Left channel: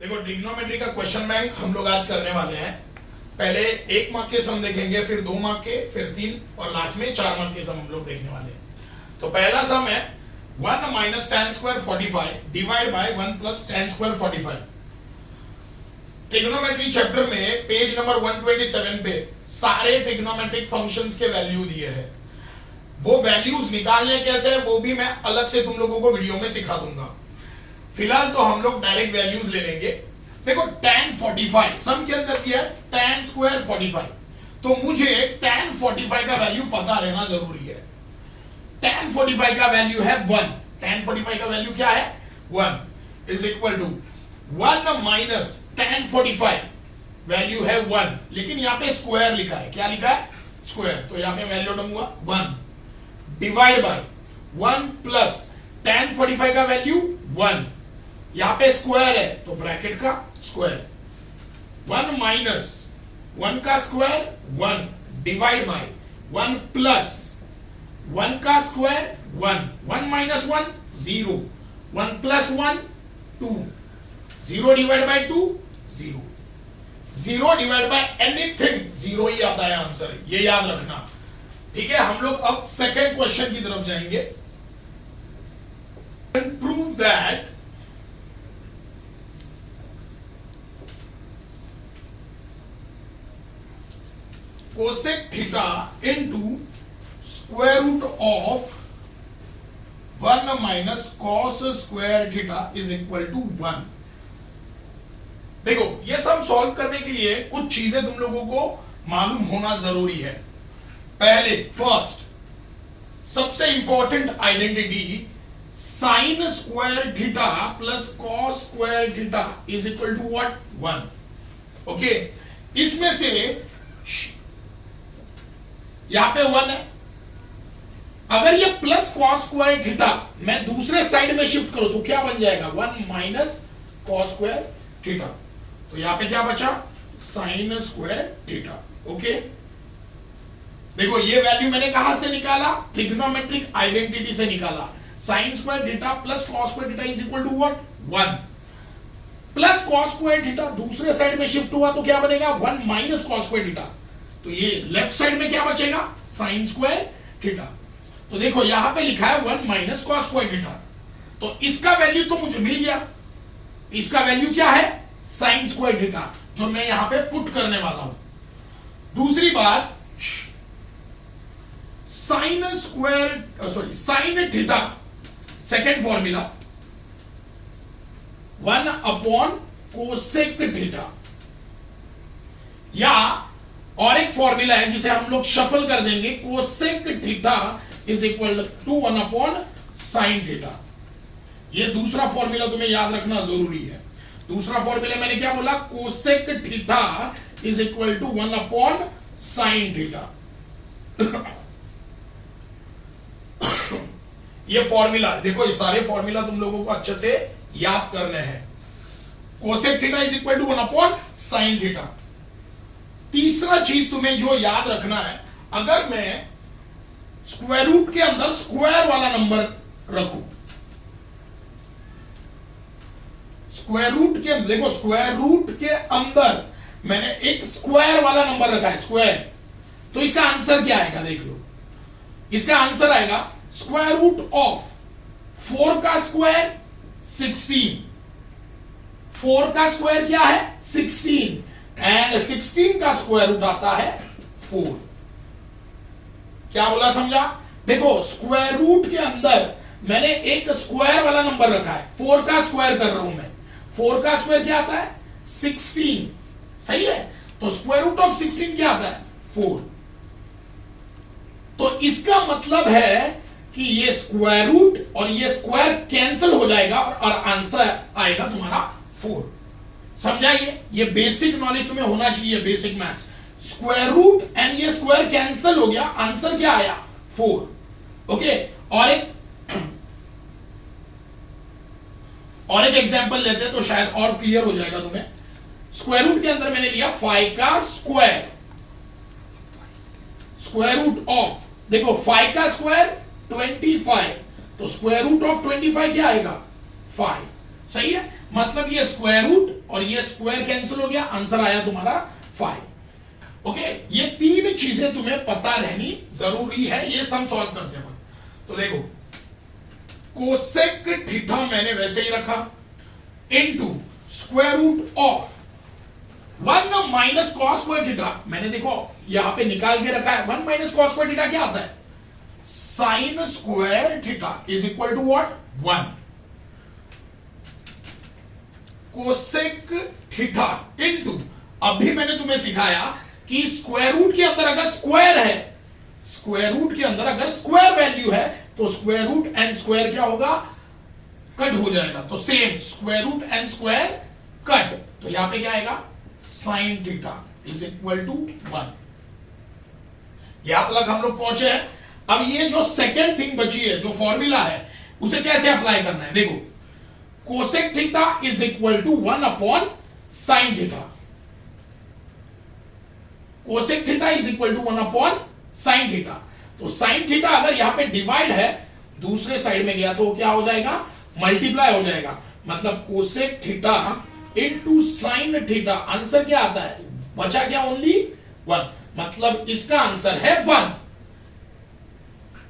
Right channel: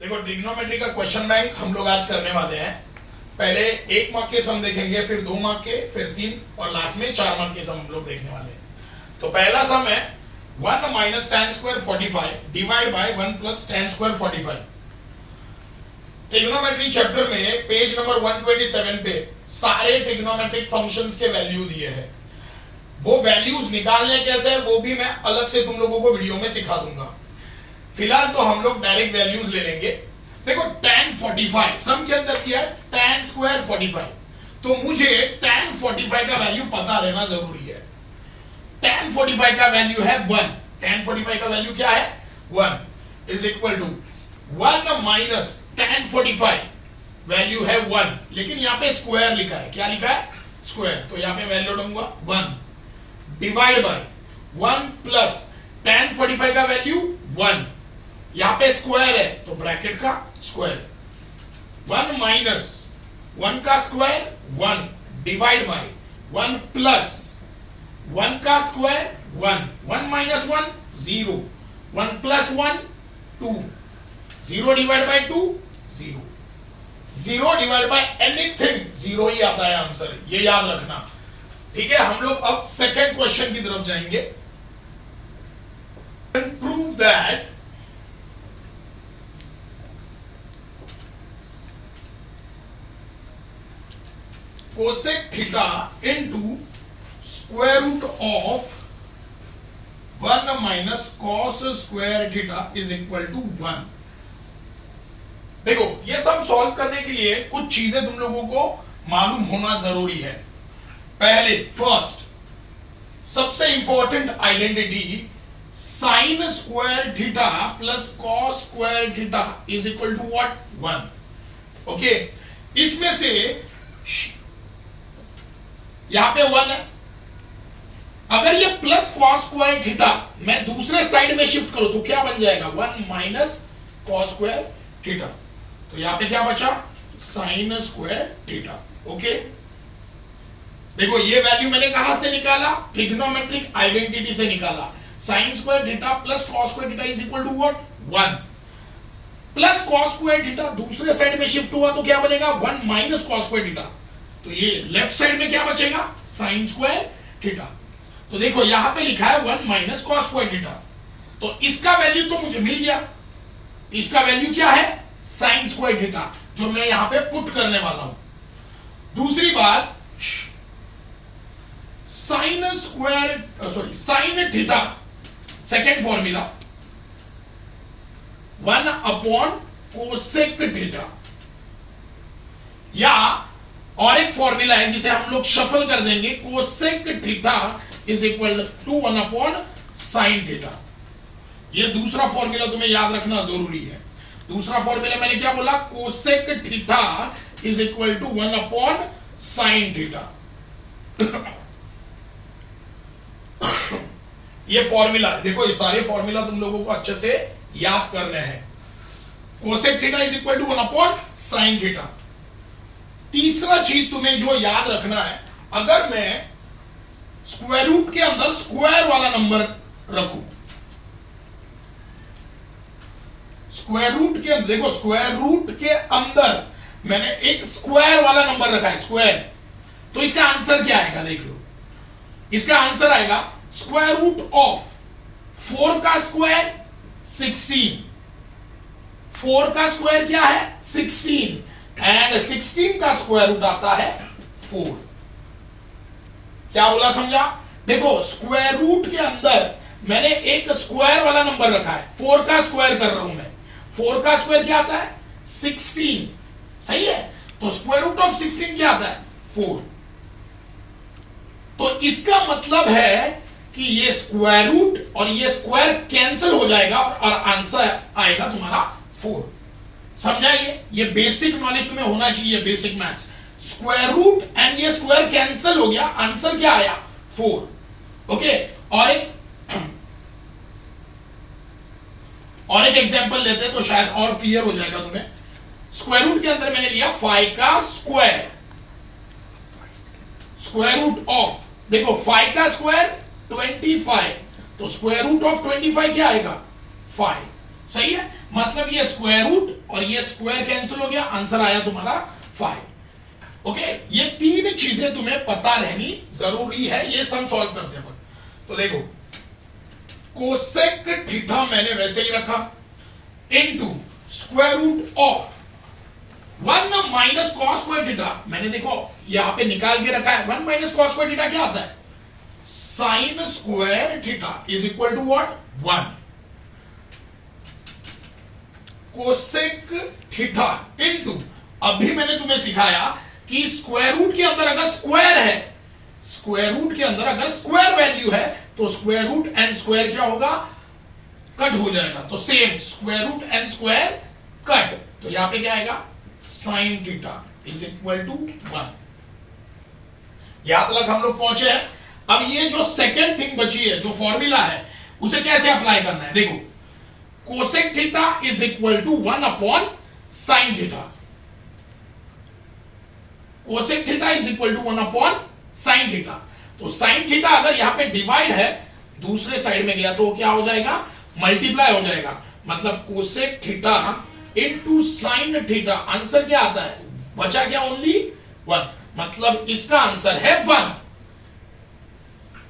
देखो ट्रिग्नोमेट्री का question bank हम लोग आज करने वाले हैं। पहले 1 मार्क के सम देखेंगे, फिर 2 मार्क के, फिर 3 और लास्ट में 4 मार्क के सम हम लोग देखने वाले हैं। तो पहला सम है 1 minus tan square 45 divide by 1 plus tan square 45। Trigonometry chapter में पेज नंबर 127 पे सारे ट्रिग्नोमेट्रिक फंक्शंस के वैल्यू दिए हैं। वो वैल्यूज निकालने कैसे वो भी मैं अलग से तुम लोगों को वीडियो में सिखा दूंगा। फिलहाल तो हम लोग डायरेक्ट वैल्यूज ले लेंगे। देखो tan 45 सम के अंदर किया है tan स्क्वायर 45, तो मुझे tan 45 का वैल्यू पता रहना जरूरी है। tan 45 का वैल्यू है 1। tan 45 का वैल्यू क्या है 1 is equal to 1 minus tan 45 value है 1, लेकिन यहां पे स्क्वायर लिखा है। क्या लिखा है स्क्वायर, तो यहां पे वैल्यू डालूंगा 1 डिवाइड बाय 1 प्लस tan 45 का वैल्यू 1, यहां पे स्क्वायर है तो ब्रैकेट का स्क्वायर 1 माइनस 1 का स्क्वायर 1 डिवाइड बाय 1 प्लस 1 का square 1, 1 minus 1 0, 1 plus 1 2, 0 divide by 2 0, 0 divide by anything 0 ही आता है आंसर, ये याद रखना। ठीक है, हम लोग अब सेकेंड क्वेश्चन की तरफ जाएंगे। Prove that cosec theta into square root of 1 minus cos square theta is equal to 1। देखो ये सब सॉल्व करने के लिए कुछ चीजें तुम लोगों को मालूम होना जरूरी है। पहले फर्स्ट सबसे important identity sine square theta plus cos square theta is equal to what 1। Okay, इसमें से यहां पे 1 है। अगर ये प्लस कॉस स्क्वायर थीटा मैं दूसरे साइड में शिफ्ट करूं तो क्या बन जाएगा 1 माइनस कॉस स्क्वायर थीटा। तो यहां पे क्या बचा साइन स्क्वायर थीटा। ओके, देखो ये वैल्यू मैंने कहां से निकाला, ट्रिग्नोमेट्रिक आइडेंटिटी से निकाला। Sine square theta plus cos square theta is equal to what 1 plus cos square theta दूसरे साइड में शिफ्ट हुआ तो क्या बनेगा 1 माइनस कॉस स्क्वायर थीटा। तो ये लेफ्ट साइड में क्या बचेगा साइन स्क्वायर थीटा। तो देखो यहां पे लिखा है 1 माइनस कॉस स्क्वायर थीटा, तो इसका वैल्यू तो मुझे मिल गया। इसका वैल्यू क्या है साइन स्क्वायर थीटा, जो मैं यहां पे पुट करने वाला हूं। दूसरी बात sine square sine theta second formula 1 upon cosec theta, या और एक फॉर्मूला है जिसे हम लोग शफल कर देंगे, cosec theta is equal to 1 upon sine theta. ये दूसरा फॉर्मूला तुम्हें याद रखना जरूरी है। दूसरा फॉर्मूला मैंने क्या बोला, cosec theta is equal to 1 upon sine theta. ये फॉर्मूला देखो, ये सारे फॉर्मूला तुम लोगों को अच्छे से याद करने हैं। Cosec theta is equal to 1 upon sine theta. तीसरा चीज तुम्हें जो याद रखना है, अगर मैं स्क्वायर रूट के अंदर स्क्वायर वाला नंबर रखूं, स्क्वायर रूट के देखो स्क्वायर रूट के अंदर मैंने एक स्क्वायर वाला नंबर रखा है स्क्वायर, तो इसका आंसर क्या आएगा देख लो। इसका आंसर आएगा स्क्वायर रूट ऑफ 4 का स्क्वायर 16, 4 का स्क्वायर क्या है 16 एंड 16 का स्क्वायर रूट आता है 4। क्या बोला समझा। देखो स्क्वायर रूट के अंदर मैंने एक स्क्वायर वाला नंबर रखा है, 4 का स्क्वायर कर रहा हूं मैं। 4 का स्क्वायर क्या आता है 16, सही है। तो स्क्वायर रूट ऑफ 16 क्या आता है 4। तो इसका मतलब है कि ये स्क्वायर रूट और ये स्क्वायर कैंसिल हो जाएगा और आंसर आएगा तुम्हारा 4। समझाइए, ये बेसिक नॉलेज तुम्हें होना चाहिए, basic maths. Square root and ये स्क्वायर कैंसिल हो गया, आंसर क्या आया 4। ओके, और एक एग्जांपल लेते हैं तो शायद और क्लियर हो जाएगा तुम्हें। स्क्वायर रूट के अंदर मैंने लिया 5 का स्क्वायर, स्क्वायर रूट ऑफ देखो 5 का स्क्वायर 25, तो स्क्वायर रूट ऑफ 25 क्या आएगा 5। सही है, मतलब ये स्क्वायर रूट और ये स्क्वायर कैंसिल हो गया, आंसर आया तुम्हारा 5। ओके, ये तीन चीजें तुम्हें पता रहनी जरूरी है ये सम सॉल्व करते वक्त। तो देखो कोसेक थीटा मैंने वैसे ही रखा into square root of 1 minus cos square theta, मैंने देखो यहां पे निकाल के रखा है। 1 माइनस कॉस स्क्वायर थीटा क्या आता है, sine square theta is equal to what 1। Cosec theta into, अभी मैंने तुम्हें सिखाया कि स्क्वायर रूट के अंदर अगर स्क्वायर है, स्क्वायर रूट के अंदर अगर स्क्वायर वैल्यू है तो स्क्वायर रूट एंड स्क्वायर क्या होगा, कट हो जाएगा। तो same square root and square cut, तो यहां पे क्या आएगा sine theta is equal to 1। यहां तक हम लोग पहुंचे हैं। अब ये जो सेकेंड थिंग बची है, जो फॉर्मूला है, उसे कैसे अप्लाई करना है। देखो cosec theta is equal to 1 upon sine theta, cosec theta is equal to 1 upon sine theta. तो साइन थीटा अगर यहां पे डिवाइड है, दूसरे साइड में गया तो क्या हो जाएगा, मल्टीप्लाई हो जाएगा। मतलब cosec theta into sine theta, answer क्या आता है, बचा क्या ओनली 1, मतलब इसका आंसर है 1।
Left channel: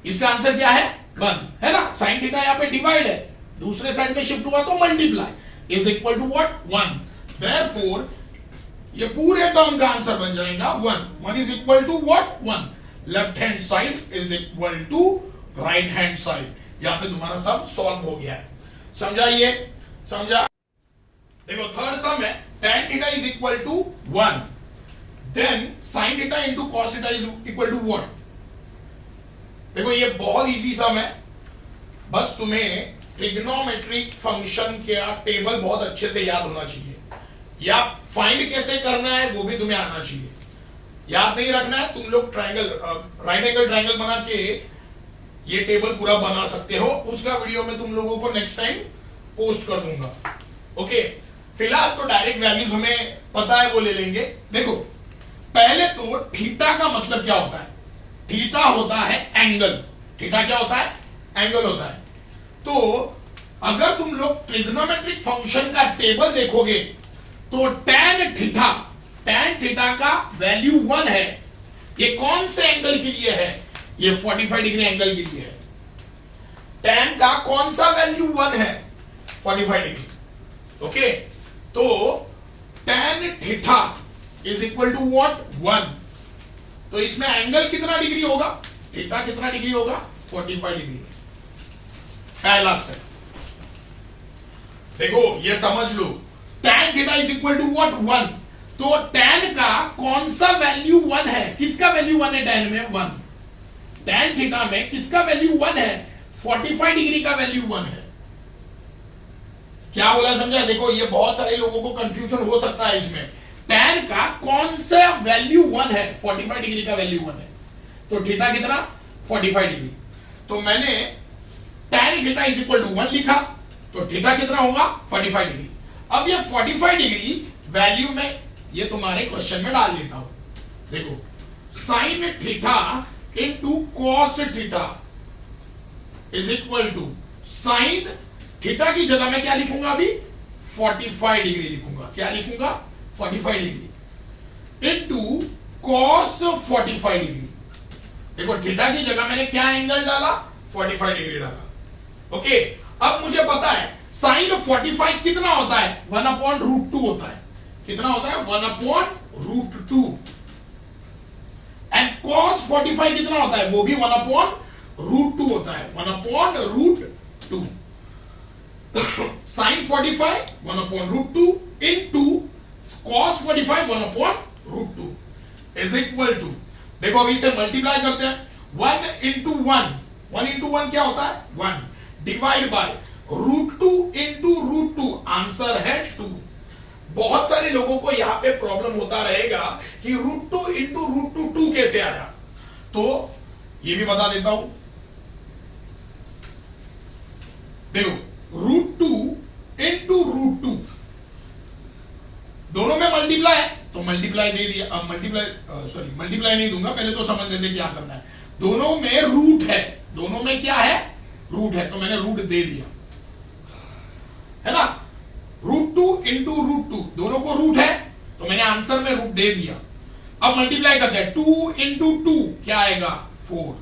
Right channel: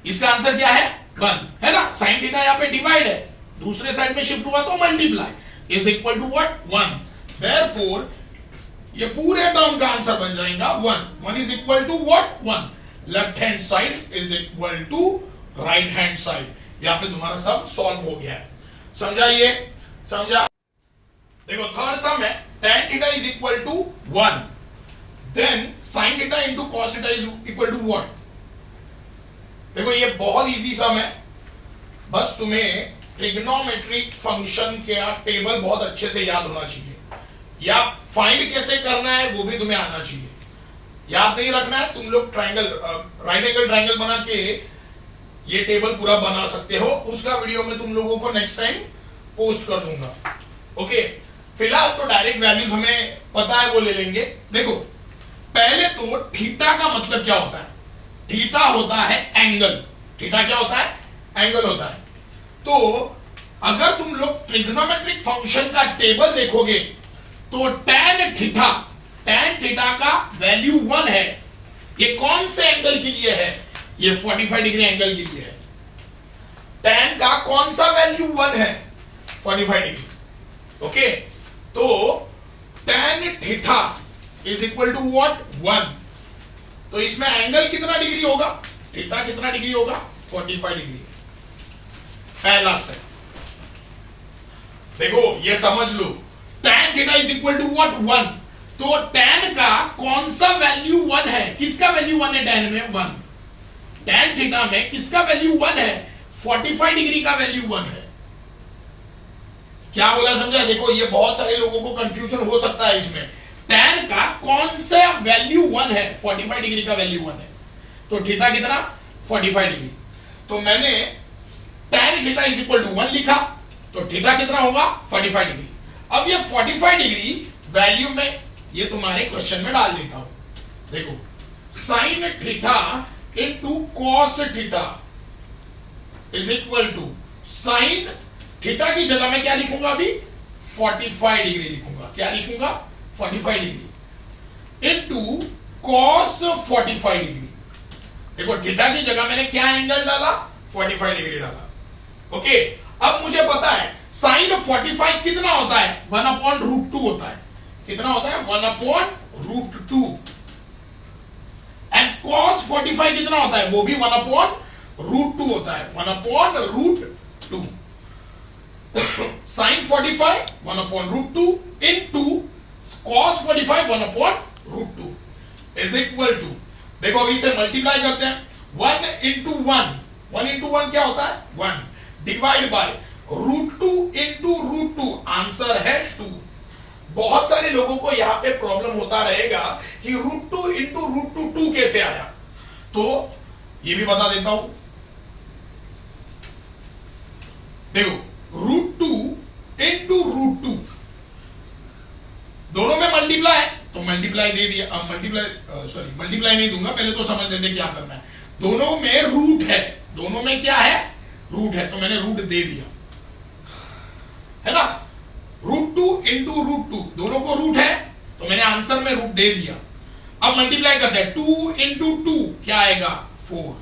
इसका आंसर क्या है 1, है ना। साइन थीटा यहां पे डिवाइड है, दूसरे साइड में शिफ्ट हुआ तो multiply is equal to what 1। Therefore ये पूरे टर्म का आंसर बन जाएगा 1। 1 is equal to what 1। Left hand side is equal to right hand side. यहां पे तुम्हारा सम सॉल्व हो गया है, समझा ये, समझा। देखो थर्ड सम है tan theta is equal to 1, then sin theta into cos theta is equal to what. देखो ये बहुत इजी सम है, बस तुम्हें ट्रिग्नोमेट्रिक फंक्शन का टेबल बहुत अच्छे से याद होना चाहिए, या फाइंड कैसे करना है वो भी तुम्हें आना चाहिए। याद नहीं रखना है, तुम लोग ट्रायंगल राइट एंगल ट्रायंगल बना के ये टेबल पूरा बना सकते हो। उसका वीडियो में तुम लोगों को नेक्स्ट टाइम पोस्ट कर दूंगा। ओके, फिलहाल तो डायरेक्ट वैल्यूज हमें पता है, वो ले लेंगे। देखो पहले तो थीटा का मतलब क्या होता है, थीटा होता है एंगल। थीटा क्या होता है, एंगल होता है। तो अगर तुम लोग ट्रिग्नोमेट्रिक फंक्शन का टेबल देखोगे तो tan थीटा का वैल्यू 1 है। ये कौन से एंगल के लिए है, ये 45 डिग्री एंगल के लिए है। tan का कौन सा वैल्यू 1 है, 45 डिग्री। ओके, तो tan theta is equal to what 1। तो इसमें एंगल कितना डिग्री होगा, थीटा कितना डिग्री होगा, 45 डिग्री। पहला स्टेप देखो, ये समझ लो, tan theta is equal to what 1। तो tan का कौन सा वैल्यू 1 है, किसका वैल्यू 1 है tan में 1। tan थीटा में किसका वैल्यू 1 है, 45 डिग्री का वैल्यू 1 है। क्या बोला समझा। देखो ये बहुत सारे लोगों को कंफ्यूजन हो सकता है इसमें, tan का कौन सा वैल्यू 1 है, 45 डिग्री का वैल्यू 1 है। तो थीटा कितना 45 डिग्री। तो मैंने tan theta is equal to 1 लिखा, तो थीटा कितना होगा 45 डिग्री। अब ये 45 डिग्री वैल्यू में ये तुम्हारे क्वेश्चन में डाल देता हूं। देखो sine theta into cos theta is equal to sine theta की जगह में क्या लिखूंगा, अभी 45 डिग्री लिखूंगा। क्या लिखूंगा 45 डिग्री इंटू कॉस 45 डिग्री। देखो थीटा की जगह मैंने क्या एंगल डाला, 45 डिग्री डाला। ओके, अब मुझे पता है साइन 45 कितना होता है, 1 अपॉन रूट 2 होता है। कितना होता है 1 अपॉन रूट 2। एंड कॉस 45 कितना होता है, वो भी 1 अपॉन रूट 2 होता है, 1 upon root 2। Sine 45 1 upon root 2 into cos 45 1 upon root 2 is equal to, देखो अभी इसे मल्टीप्लाई करते हैं, 1 इंटू 1, 1 इंटू 1 क्या होता है 1, divide by root 2 into root 2, answer है 2। बहुत सारे लोगों को यहां पे प्रॉब्लम होता रहेगा कि रूट 2 इंटू रूट 2 2 कैसे आया, तो ये भी बता देता हूं। देखो रूट 2 इंटू रूट 2 दोनों में मल्टीप्लाई है तो मल्टीप्लाई दे दिया। अब मल्टीप्लाई नहीं दूंगा, पहले तो समझ लेते क्या करना है। दोनों में रूट है, दोनों में क्या है रूट है, तो मैंने रूट दे दिया, है ना। √2 इंटू √2, दोनों को रूट है तो मैंने आंसर में रूट दे दिया। अब मल्टीप्लाई करते हैं, 2 इंटू 2 क्या आएगा 4,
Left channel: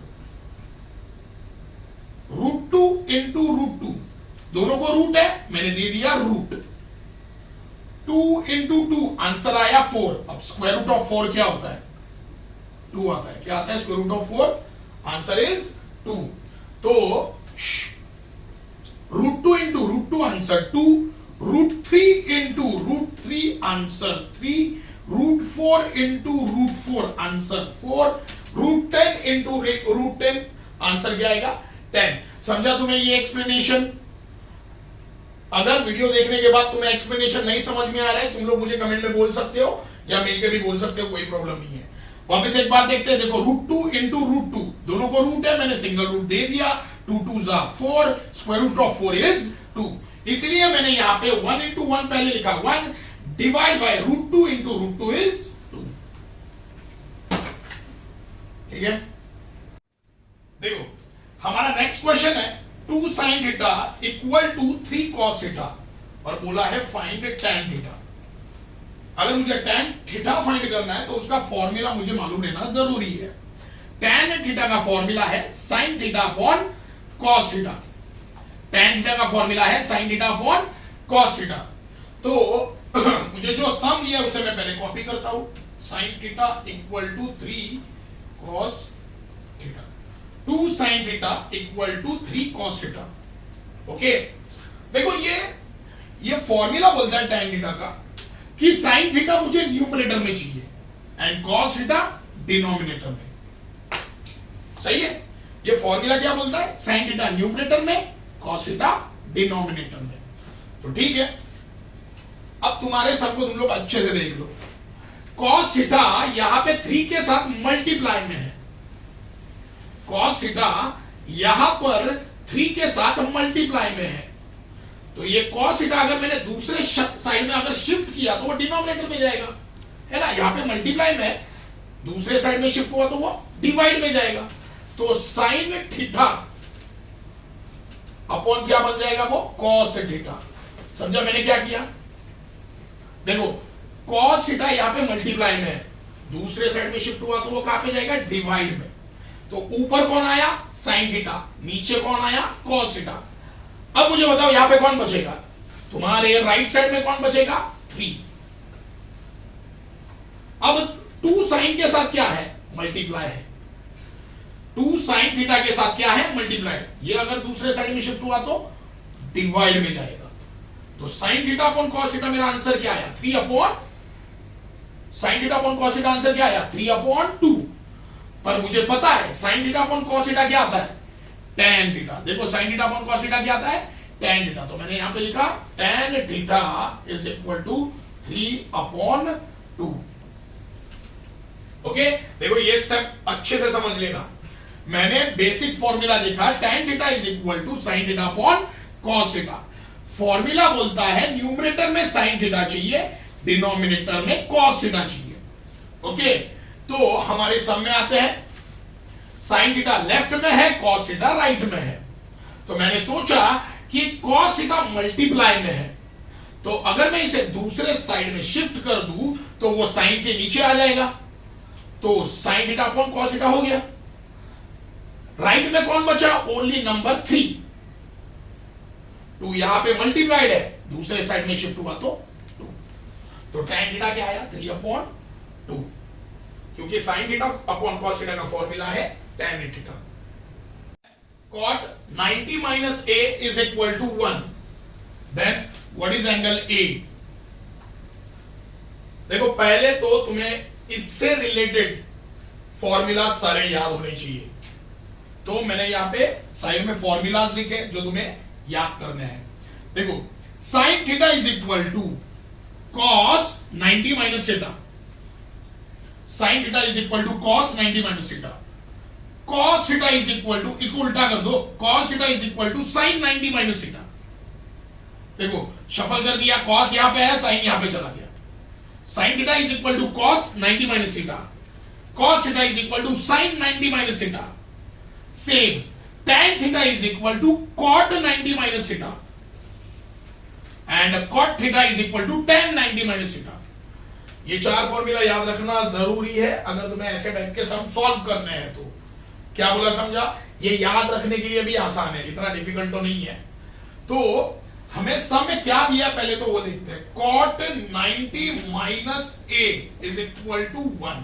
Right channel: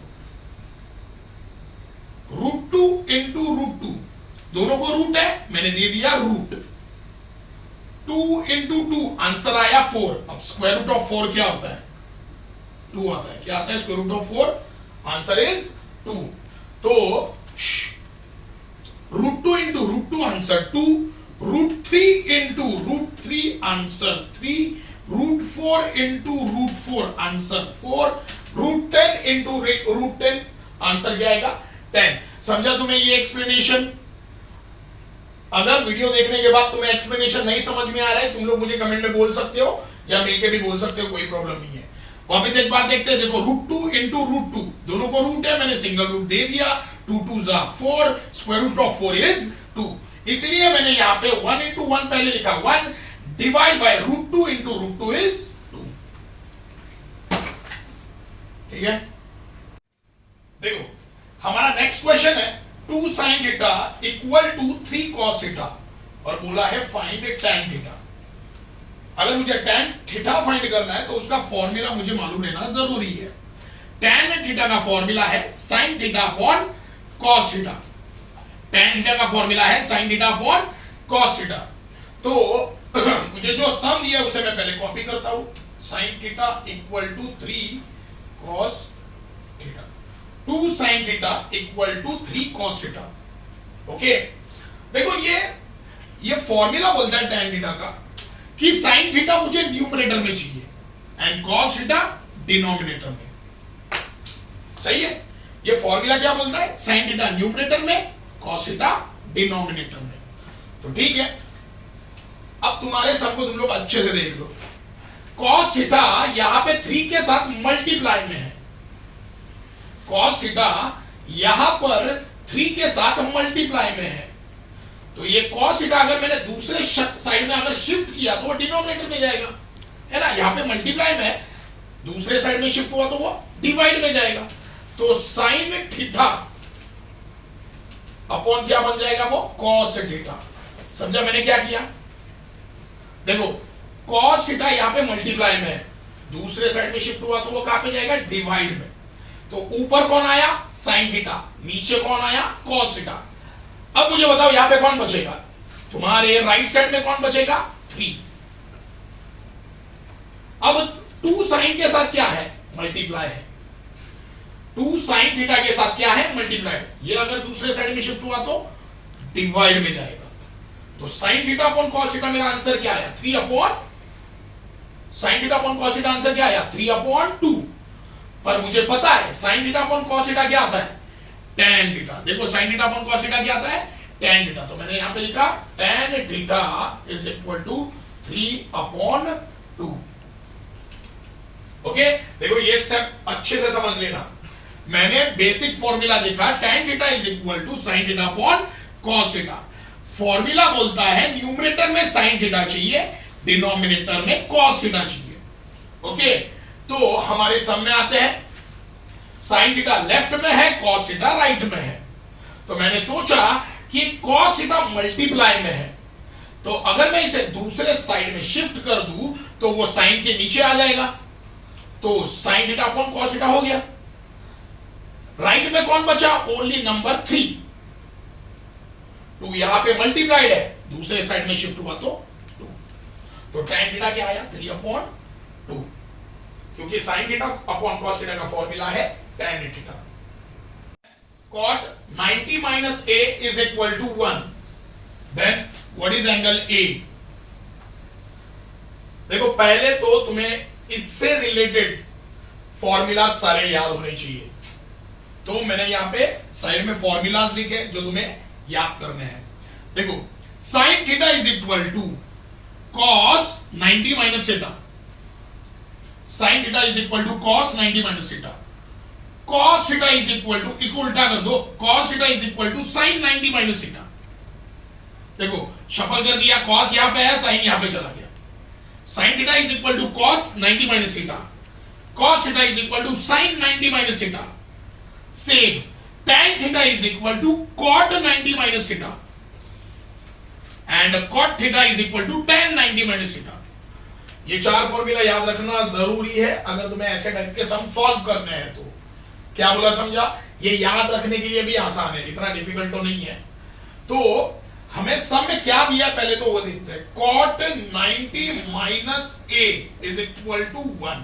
√2 इंटू √2, दोनों को रूट है मैंने दे दिया रूट, 2 इंटू 2 आंसर आया 4। अब स्क्वायर रूट ऑफ 4 क्या होता है 2 आता है, क्या आता है square root of 4, answer is 2। तो √2 into √2 answer 2, √3 into √3 answer 3, √4 into √4 answer 4, √10 into √10 answer क्या आएगा 10। समझा तुम्हें ये एक्सप्लेनेशन? अगर वीडियो देखने के बाद तुम्हें एक्सप्लेनेशन नहीं समझ में आ रहा है, तुम लोग मुझे कमेंट में बोल सकते हो या मिलकर भी बोल सकते हो, कोई प्रॉब्लम नहीं है। वापस एक बार देखते हैं, देखो √2 इंटू √2, दोनों को रूट है मैंने सिंगल रूट दे दिया, 2 2 जा 4, स्क्वायर रूट ऑफ 4 इज 2, इसलिए मैंने यहां पे 1 इंटू 1 पहले लिखा 1 डिवाइड बाय √2 इंटू √2 इज 2। ठीक है, देखो हमारा नेक्स्ट क्वेश्चन है 2 sin theta equal to 3 cos theta, और बोला है फाइंड tan थीटा। अगर मुझे tan थीटा फाइंड करना है तो उसका फॉर्मूला मुझे मालूम रहना जरूरी है। tan थीटा का फॉर्मूला है sin theta upon cos theta, tan theta का फॉर्मूला है sin theta upon cos theta. तो मुझे जो सम दिया उसे मैं पहले कॉपी करता हूं, sin theta equal to 3 cos theta, 2 sin theta equal to 3 cos theta. Okay, देखो ये फॉर्मूला बोलता है tan थीटा का कि sin थीटा मुझे न्यूमरेटर में चाहिए एंड cos थीटा डिनोमिनेटर में। सही है, ये फॉर्मूला क्या बोलता है, sin थीटा न्यूमरेटर में, cos थीटा डिनोमिनेटर में। तो ठीक है, अब तुम्हारे सम को तुम लोग अच्छे से देख लो। cos थीटा यहां पे 3 के साथ मल्टीप्लाई में है, cos थीटा यहां पर 3 के साथ मल्टीप्लाई में है, तो ये cos थीटा अगर मैंने दूसरे साइड में अगर शिफ्ट किया तो वो डिनोमिनेटर में जाएगा, है ना। यहां पे मल्टीप्लाई में, दूसरे साइड में शिफ्ट हुआ तो वो डिवाइड में जाएगा। तो sin थीटा अपॉन क्या बन जाएगा, वो cos थीटा। समझा मैंने क्या किया? देखो cos थीटा यहां पे मल्टीप्लाई में है, दूसरे साइड में शिफ्ट हुआ तो वो कहां पे जाएगा, डिवाइड में। तो ऊपर कौन आया, sin थीटा, नीचे कौन आया, cos थीटा। अब मुझे बताओ यहां पे कौन बचेगा, तुम्हारे राइट साइड में कौन बचेगा, 3। अब 2 sin के साथ क्या है, मल्टीप्लाई है, 2 sin थीटा के साथ क्या है, मल्टीप्लाई। ये अगर दूसरे साइड में शिफ्ट हुआ तो डिवाइड में जाएगा। तो sin theta upon cos theta मेरा आंसर क्या आया, 3 upon, sin theta upon cos theta answer क्या आया, 3 अपॉन 2। पर मुझे पता है sin theta upon cos theta क्या आता है, tan थीटा। देखो sin theta upon cos theta क्या आता है, tan थीटा। तो मैंने यहां पे लिखा tan theta is equal to 3 upon 2। Okay, देखो ये स्टेप अच्छे से समझ लेना। मैंने बेसिक फॉर्मूला देखा, tan theta is equal to sin theta upon cos theta. Formula बोलता है न्यूमरेटर में sin थीटा चाहिए, डिनोमिनेटर में cos थीटा चाहिए। ओके, तो हमारे सम में आते हैं, sin थीटा लेफ्ट में है, cos थीटा राइट में है। तो मैंने सोचा कि cos थीटा मल्टीप्लाई में है, तो अगर मैं इसे दूसरे साइड में शिफ्ट कर दूं तो वो sin के नीचे आ जाएगा। तो sin theta upon cos theta हो गया। राइट में कौन बचा, ओनली नंबर 3। 2 यहां पे मल्टीप्लाइड है, दूसरे साइड में शिफ्ट हुआ तो 2। तो tan थीटा क्या आया, 3 अपॉन 2, क्योंकि sin theta upon cos theta का फॉर्मूला है tan theta. cot 90 minus a is equal to 1, then what is angle A? देखो पहले तो तुम्हें इससे रिलेटेड फॉर्मूला सारे याद होने चाहिए, तो मैंने यहां पे साइड में फॉर्मूलाज लिखे जो तुम्हें याद करने हैं। देखो sin theta is equal to cos 90 minus theta, sin theta is equal to cos 90 minus theta, cos theta is equal to, इसको उल्टा कर दो, cos theta is equal to sin 90 minus theta. देखो शफल कर दिया, cos यहां पे है, sin यहां पे चला गया। sin theta is equal to cos 90 minus theta, cos theta is equal to sin 90 minus theta. Same tan theta is equal to cot 90 minus theta, and cot theta is equal to tan 90 minus theta. ये चार formula याद रखना जरूरी है अगर तुम्हें ऐसे type के सम सॉल्व करने हैं तो। क्या बोला समझा? ये याद रखने के लिए भी आसान है, इतना डिफिकल्ट तो नहीं है। तो हमें सम में क्या दिया पहले तो वो देखते हैं। Cot 90 minus a is equal to 1।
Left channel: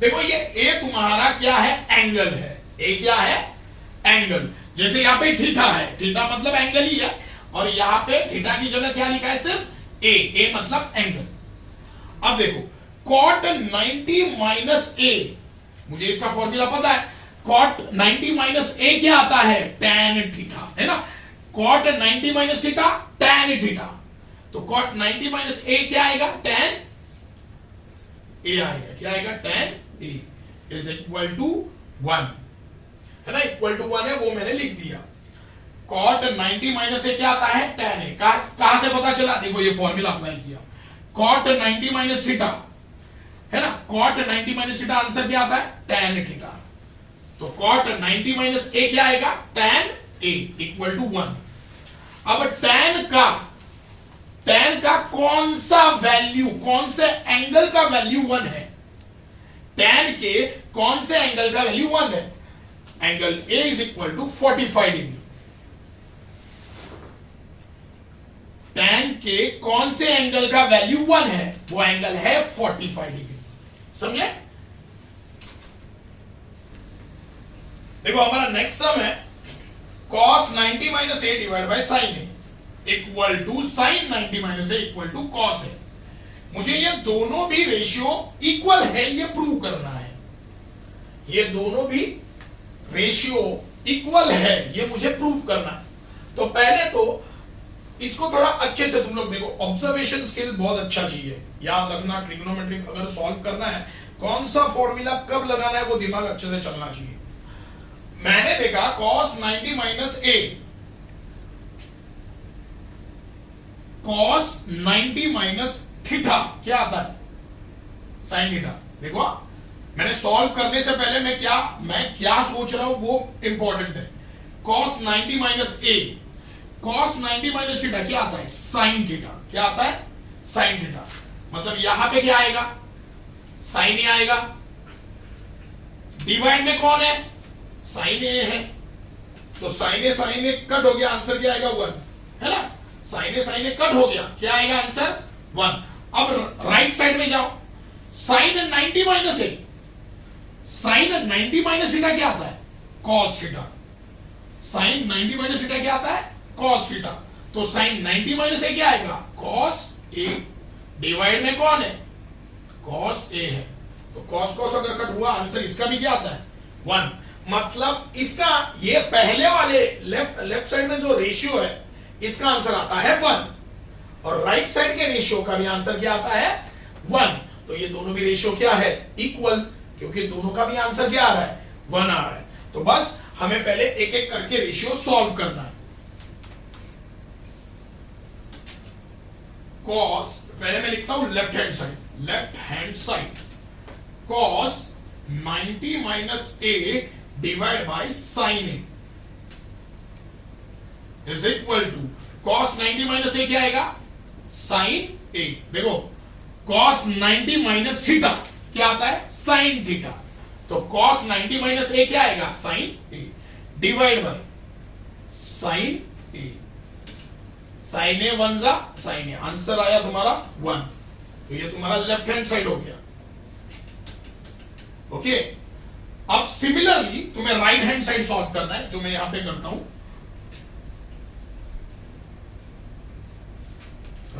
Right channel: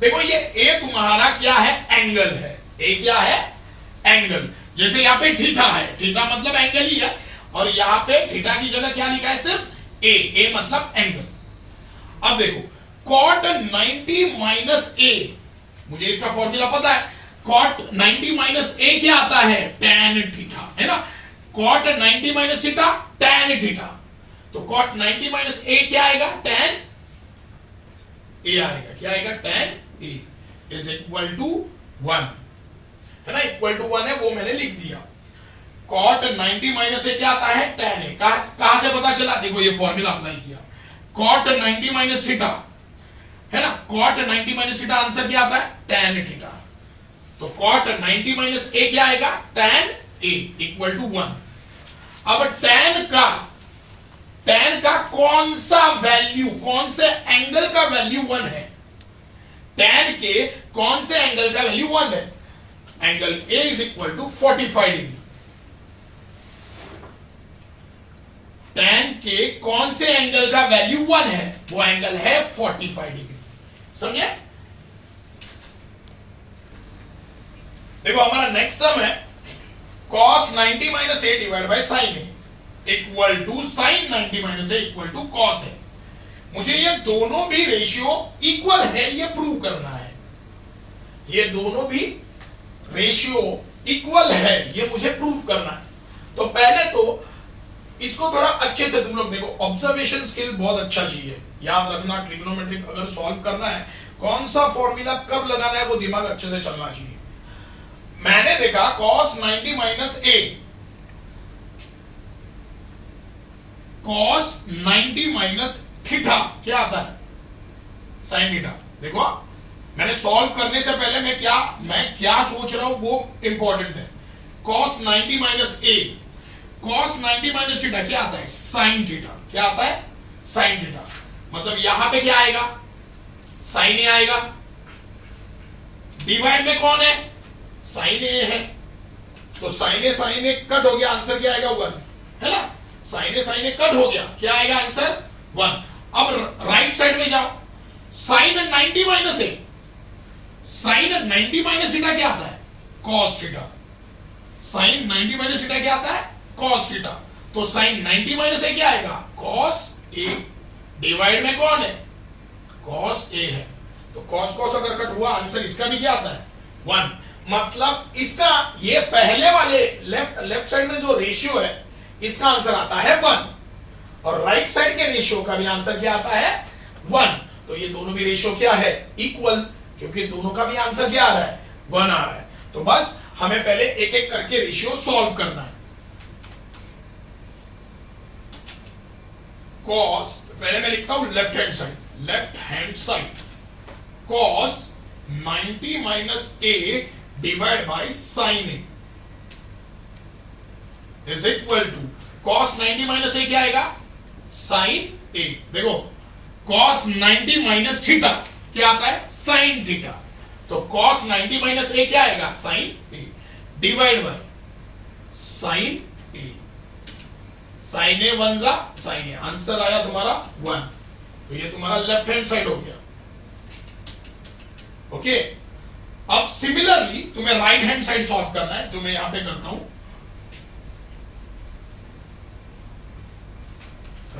देखो ये ए तुम्हारा क्या है? एंगल है। ए क्या है? एंगल। जैसे यहां पे थीटा है, थीटा मतलब एंगल ही है, और यहां पे थीटा की जगह क्या लिखा है? सिर्फ ए मतलब एंगल। अब देखो कॉट 90 माइनस ए, मुझे इसका फॉर्मूला पता है। कॉट 90 माइनस ए क्या आता है? tan थीटा, है ना। Cot 90 minus theta tan theta, तो कॉट 90 माइनस ए क्या आएगा? tan ए आएगा। क्या आएगा? tan a is equal to 1, है ना। इक्वल टू 1 है वो मैंने लिख दिया। कॉट 90 माइनस ए क्या आता है? tan ए। कहां से पता चला? देखो ये फॉर्मूला अप्लाई किया। कॉट 90 माइनस थीटा, है ना। कॉट 90 माइनस थीटा आंसर क्या आता है? tan theta. तो कॉट 90 माइनस ए क्या आएगा? tan a equal to 1। अब tan का कौन सा वैल्यू, कौन से एंगल का वैल्यू 1 है? tan के कौन से एंगल का वैल्यू 1 है? Angle a is equal to 45 degree. tan के कौन से एंगल का वैल्यू 1 है? वो एंगल है 45 डिग्री। समझे? देखो हमारा नेक्स्ट सम है cos 90 minus A divide by sine A equal to sine 90 minus A equal to cos A. मुझे ये दोनों भी रेशियो इक्वल है ये प्रूव करना है। ये दोनों भी रेशियो इक्वल है ये मुझे प्रूव करना है। तो पहले तो इसको थोड़ा अच्छे से तुम लोग देखो। ऑब्जर्वेशन स्किल बहुत अच्छा चाहिए, याद रखना। ट्रिग्नोमेट्रिक अगर सॉल्व करना है, कौन सा फॉर्मूला कब लगाना है वो दिमाग अच्छे से चलना चाहिए। मैंने देखा cos 90 माइनस ए, cos 90 माइनस थीटा क्या आता है? Sine theta. देखो मैंने सॉल्व करने से पहले मैं क्या सोच रहा हूं वो इंपॉर्टेंट है। cos 90 माइनस ए, cos 90 माइनस थीटा क्या आता है? Sine theta. क्या आता है? Sine theta. मतलब यहां पे क्या आएगा? साइन ए आएगा। डिवाइड में कौन है? साइन ए है। तो साइन ए कट हो गया, आंसर क्या आएगा? 1, है ना। साइन ए कट हो गया, क्या आएगा आंसर? 1। अब राइट साइड में जाओ। Sine 90 minus a, sine 90 minus theta क्या आता है? Cos theta. Sine 90 minus theta क्या आता है? Cos theta. तो साइन 90 माइनस ए क्या आएगा? Cos A. डिवाइड में कौन है? कॉस ए है। तो कॉस अगर कट हुआ, आंसर इसका भी क्या आता है? 1। मतलब इसका ये पहले वाले लेफ्ट साइड में जो रेशियो है इसका आंसर आता है 1, और राइट साइड के रेशियो का भी आंसर क्या आता है? 1। तो ये दोनों भी रेशियो क्या है? इक्वल, क्योंकि दोनों का भी आंसर क्या आ रहा है? 1 आ रहा है। तो बस हमें पहले एक एक करके रेशियो सॉल्व करना है। कॉस, पहले मैं लिखता हूं left hand side cos 90 minus A divide by sine A is equal to cos 90 minus ए क्या आएगा? Sine A. देखो कॉस 90 माइनस थीटा क्या आता है? Sine theta. तो कॉस 90 माइनस ए क्या आएगा? Sine A divide by sine A. Sine A 1 जा साइन ए, आंसर आया तुम्हारा 1। तो ये तुम्हारा लेफ्ट हैंड साइड हो गया। ओके, अब सिमिलरली तुम्हें राइट हैंड साइड सॉल्व करना है, जो मैं यहां पे करता हूं।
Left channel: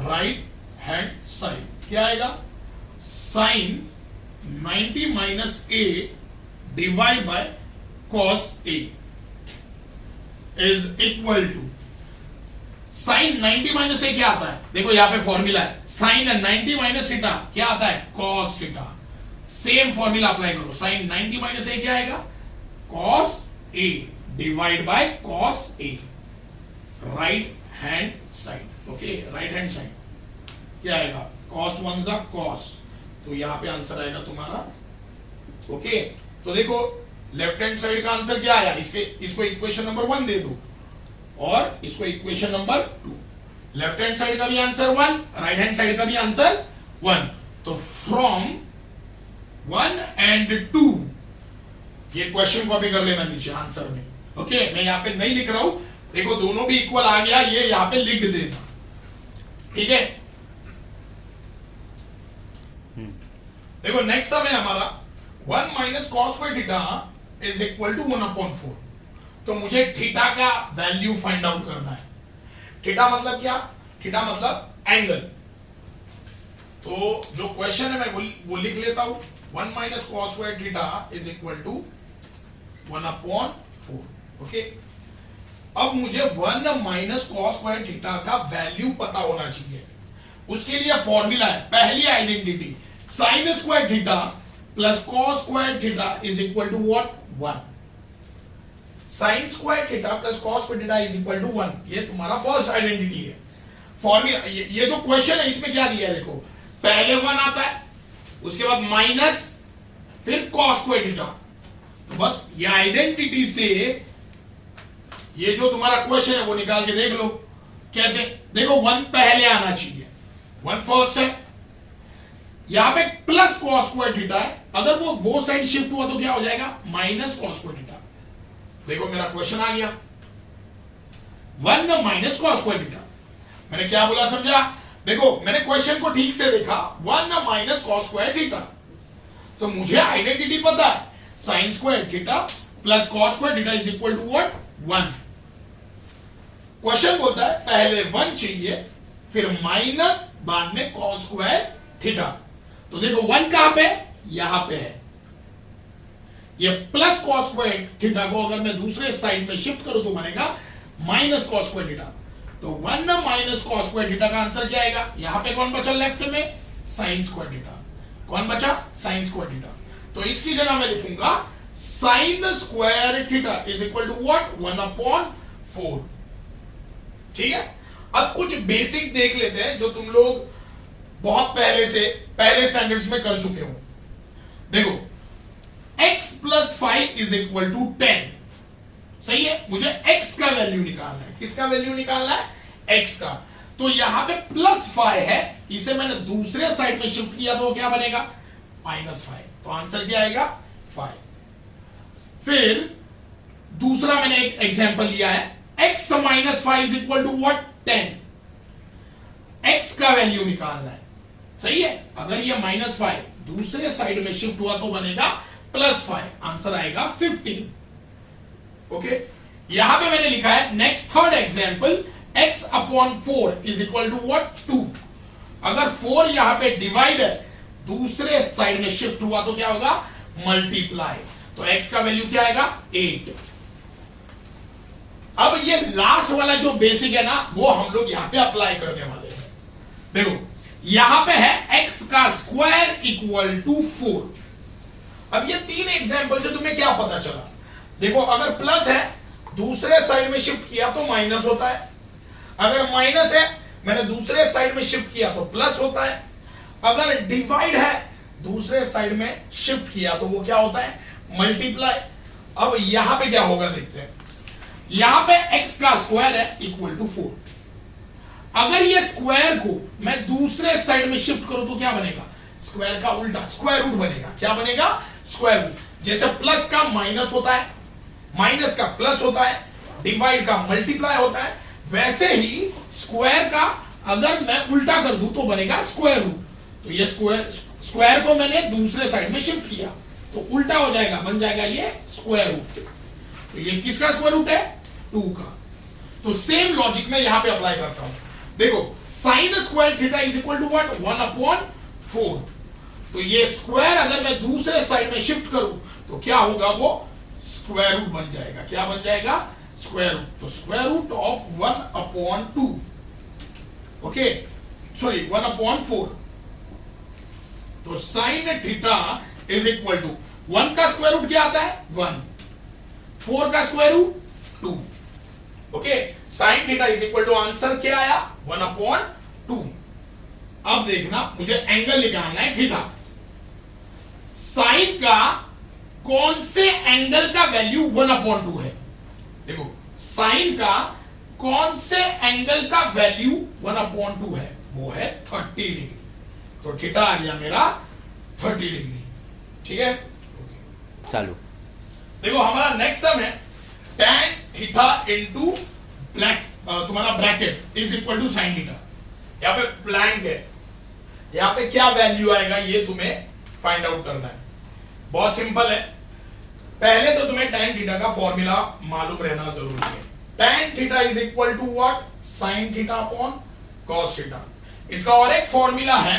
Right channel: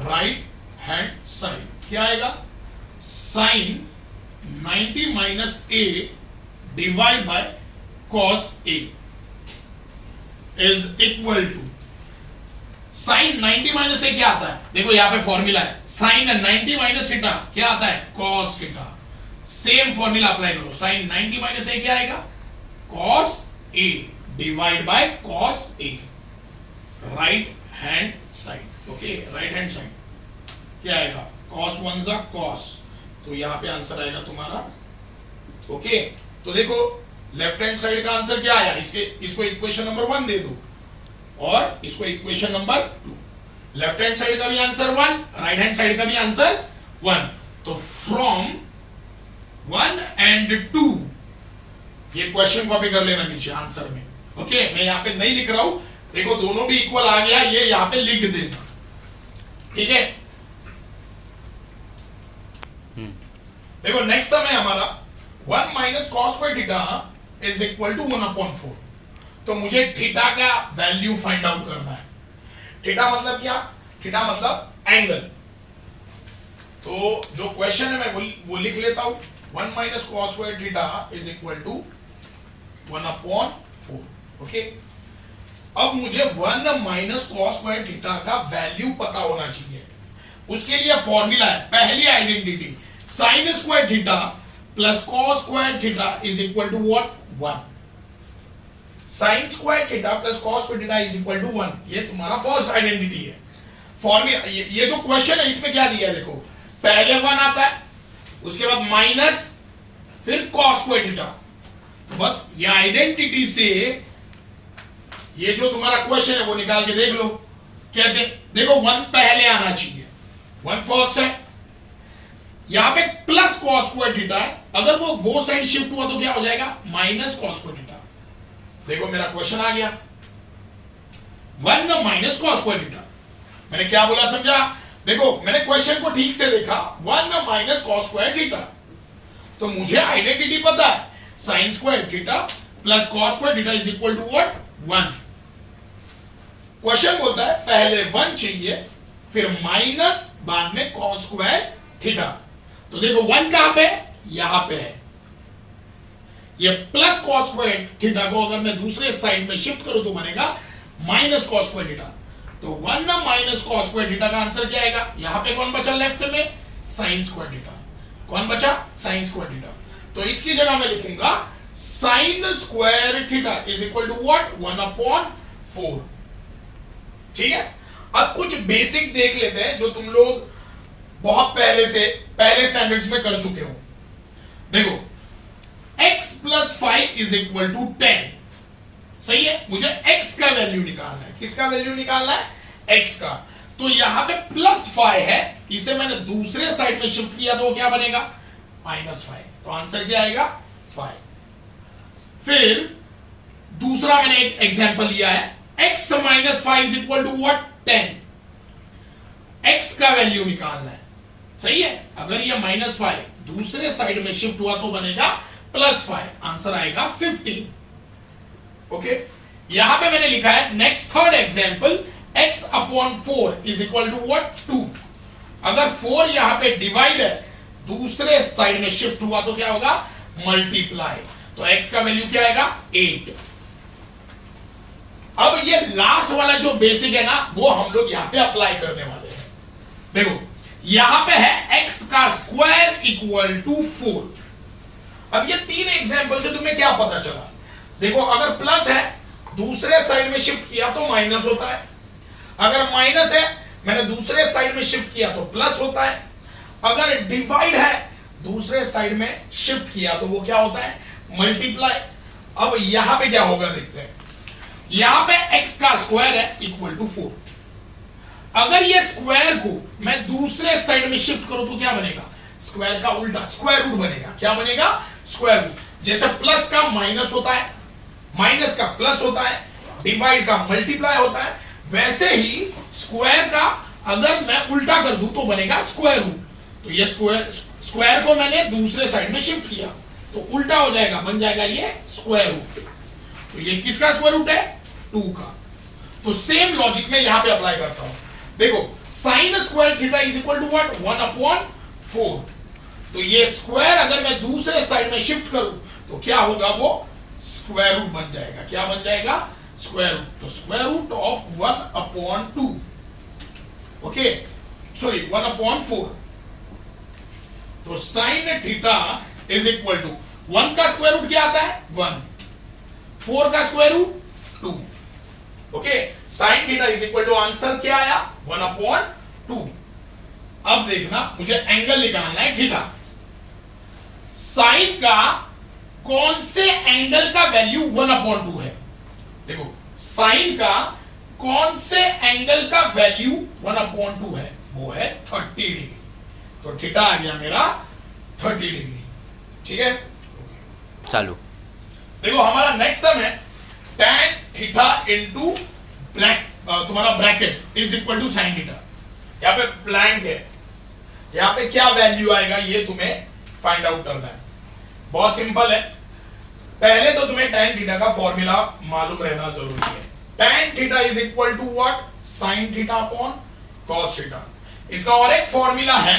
राइट हैंड साइड क्या आएगा? Sine 90 minus A divide by cos A is equal to sine 90 minus ए क्या आता है? देखो यहां पे फॉर्मूला है, साइन 90 माइनस थीटा क्या आता है? Cos theta. Same formula apply करो। साइन 90 माइनस ए क्या आएगा? Cos A divide by cos A. Right hand side. Okay, right hand side क्या आएगा? कॉस 1 जा कॉस। तो यहां पे आंसर आएगा तुम्हारा। ओके, तो देखो लेफ्ट हैंड साइड का आंसर क्या आया? इसको इक्वेशन नंबर 1 दे दो। और इसको equation number 2। Left hand side का भी आंसर 1, राइट हैंड साइड का भी आंसर 1। तो फ्रॉम 1 and 2 ये क्वेश्चन कॉपी कर लेना नीचे आंसर में। ओके, मैं यहां पे नहीं लिख रहा हूं, देखो दोनों भी इक्वल आ गया, ये यहां पे लिख देना, ठीक है। देखो नेक्स्ट सम है हमारा 1 minus cos square theta is equal to 1/4। तो मुझे थीटा का वैल्यू फाइंड आउट करना है। थीटा मतलब क्या? थीटा मतलब एंगल। तो जो क्वेश्चन है मैं वो लिख लेता हूं, 1 minus cos square theta is equal to 1/4। Okay, अब मुझे 1 माइनस कॉस स्क्वायर थीटा का वैल्यू पता होना चाहिए। उसके लिए फॉर्मूला है, पहली identity, sine square theta plus cos square theta is equal to what? 1। Sine square theta plus cos square theta is equal to 1। ये तुम्हारा फर्स्ट आइडेंटिटी है। फॉर्मूला ये जो क्वेश्चन है इसमें क्या दिया है देखो, पहले 1 आता है, उसके बाद माइनस, फिर कॉस स्क्वायर थीटा। तो बस ये आइडेंटिटी से ये जो तुम्हारा क्वेश्चन है वो निकाल के देख लो। कैसे? देखो 1 पहले आना चाहिए, 1 फर्स्ट है, यहां पे प्लस कॉस स्क्वायर थीटा है, अगर वो साइड शिफ्ट हुआ तो क्या हो जाएगा? Minus cos square theta. देखो मेरा क्वेश्चन आ गया 1 माइनस कॉस स्क्वायर थीटा। मैंने क्या बोला समझा? देखो मैंने क्वेश्चन को ठीक से देखा, 1 माइनस कॉस स्क्वायर थीटा, तो मुझे आइडेंटिटी पता है, sine square theta plus cos square theta is equal to what? 1। Question बोलता है पहले 1 चाहिए, फिर माइनस, बाद में कॉस स्क्वायर थीटा। तो देखो 1 कहां पे? यहां पे है। ये प्लस कॉस स्क्वायर थीटा को अगर मैं दूसरे साइड में शिफ्ट करूं तो बनेगा माइनस कॉस स्क्वायर थीटा। तो 1 माइनस कॉस स्क्वायर थीटा का आंसर क्या आएगा? यहां पे कौन बचा लेफ्ट में? Sine square theta. कौन बचा? Sine square theta. तो इसकी जगह मैं लिखूंगा sine square theta is equal to what? 1/4। ठीक है। अब कुछ बेसिक देख लेते हैं जो तुम लोग बहुत पहले स्टैंडर्ड्स में कर चुके हो। देखो x plus 5 is equal to 10। सही है, मुझे x का वैल्यू निकालना है। किसका वैल्यू निकालना है? x का। तो यहां पे प्लस 5 है, इसे मैंने दूसरे साइड में शिफ्ट किया तो क्या बनेगा? -5। तो आंसर क्या आएगा? 5। फिर दूसरा मैंने एक एग्जांपल लिया है, x minus 5 is equal to what? 10। x का वैल्यू निकालना है। सही है, अगर ये -5 दूसरे साइड में शिफ्ट हुआ तो बनेगा +5, आंसर आएगा 15। ओके, यहां पे मैंने लिखा है next third example, x/4 is equal to what? 2। अगर 4 यहां पे डिवाइड है, दूसरे साइड में शिफ्ट हुआ तो क्या होगा? मल्टीप्लाई। तो x का वैल्यू क्या आएगा? 8। अब ये लास्ट वाला जो बेसिक है ना, वो हम लोग यहां पे अप्लाई करने वाले हैं। देखो यहां पे है x का स्क्वायर इक्वल टू 4। अब ये 3 एग्जांपल से तुम्हें क्या पता चला? देखो अगर प्लस है, दूसरे साइड में शिफ्ट किया तो माइनस होता है, अगर माइनस है, मैंने दूसरे साइड में शिफ्ट किया तो प्लस होता है, अगर डिवाइड है, दूसरे साइड में शिफ्ट किया तो वो क्या होता है? मल्टीप्लाई। अब यहां पे क्या होगा देखते हैं। यहां पे x का स्क्वायर है इक्वल टू 4। अगर ये स्क्वायर को मैं दूसरे साइड में शिफ्ट करूं तो क्या बनेगा? स्क्वायर का उल्टा, स्क्वायर रूट बनेगा। क्या बनेगा? Square root. जैसे प्लस का माइनस होता है, माइनस का प्लस होता है, डिवाइड का मल्टीप्लाई होता है, वैसे ही स्क्वायर का अगर मैं उल्टा कर दूं तो बनेगा स्क्वायर रूट। तो ये स्क्वायर को मैंने दूसरे साइड में शिफ्ट किया तो उल्टा हो जाएगा, बन जाएगा ये स्क्वायर रूट। तो ये किसका स्क्वायर रूट है? 2 का। तो सेम लॉजिक में यहां पे अप्लाई करता हूं। देखो sine square theta is equal to what? 1/4। तो ये स्क्वायर अगर मैं दूसरे साइड में शिफ्ट करूं तो क्या होगा? वो स्क्वायर रूट बन जाएगा। क्या बन जाएगा? Square root. तो square root of 1/2, okay, sorry 1/4। तो sine theta is equal to 1 का स्क्वायर रूट क्या आता है? 1, 4 का square root 2। Okay, sine theta is equal to answer क्या आया? 1/2। अब देखना, मुझे एंगल निकालना है थीटा। साइन का कौन से एंगल का वैल्यू 1/2 है? देखो साइन का कौन से एंगल का वैल्यू 1/2 है? वो है 30 डिग्री। तो थीटा आ गया मेरा 30 डिग्री। ठीक है, चालू। देखो हमारा नेक्स्ट सम है tan थीटा इंटू ब्लैक तुम्हारा bracket is equal to sine theta. यहाँ पे ब्लैंक है, यहाँ पे क्या वैल्यू आएगा ये तुम्हें फाइंड आउट करना है। बहुत सिंपल है, पहले तो तुम्हें tan थीटा का फॉर्मूला मालूम रहना जरूरी है। tan theta is equal to what? sin theta upon cos theta. इसका और एक फॉर्मूला है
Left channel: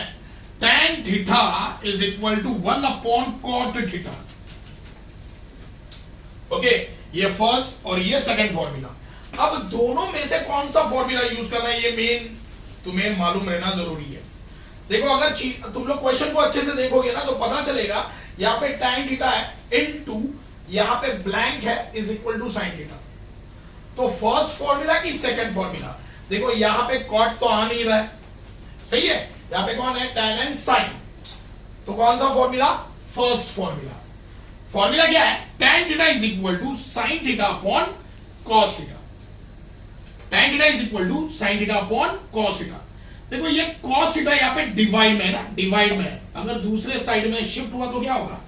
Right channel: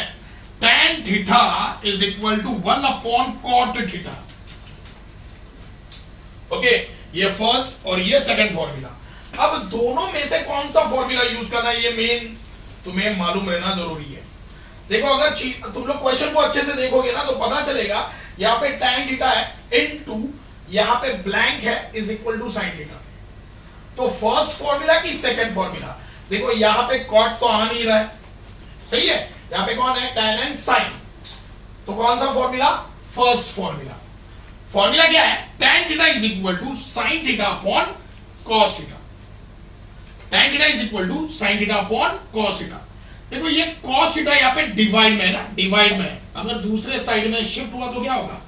tan theta is equal to 1/cot theta. Okay, ये फर्स्ट और ये सेकंड फॉर्मूला। अब दोनों में से कौन सा फॉर्मूला यूज करना है ये मेन तुम्हें मालूम रहना जरूरी है। देखो अगर तुम लोग क्वेश्चन को अच्छे से देखोगे ना तो पता चलेगा यहाँ पे tan थीटा है इनटू यहाँ पे ब्लैंक है is equal to sin theta. तो फर्स्ट फॉर्मूला की सेकंड फॉर्मूला, देखो यहाँ पे cot तो आ नहीं रहा है, सही है। यहाँ पे कौन है? tan and sin। तो कौन सा फॉर्मूला? First formula. फॉर्मूला क्या है? tan theta is equal to sin theta upon cos theta. tan theta is equal to sin theta upon cos theta. देखो ये cos थीटा यहाँ पे डिवाइड में है ना, डिवाइड में है। अगर दूसरे साइड में शिफ्ट हुआ तो क्या होगा?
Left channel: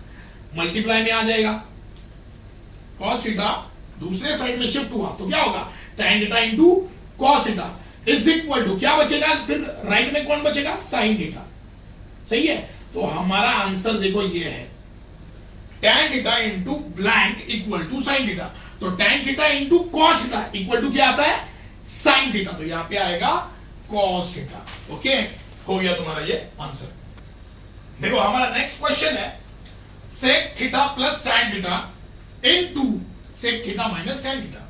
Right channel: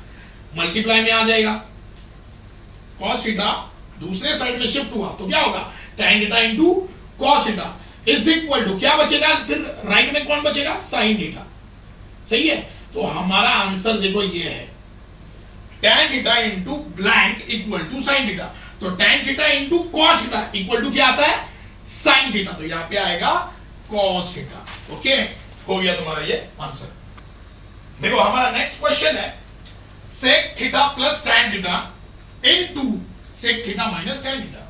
मल्टीप्लाई में आ जाएगा। cos थीटा दूसरे साइड में शिफ्ट हुआ तो क्या होगा? tan theta into cos theta is equal to क्या बचेगा? फिर राइट में कौन बचेगा? sin theta. सही है, तो हमारा आंसर देखो ये है tan theta into blank equal to sin theta. तो tan theta into cos theta equal to क्या आता है? sin theta. तो यहां पे आएगा cos थीटा। ओके, हो गया तुम्हारा ये आंसर। देखो हमारा नेक्स्ट क्वेश्चन है sec theta plus tan theta into sec theta minus tan theta.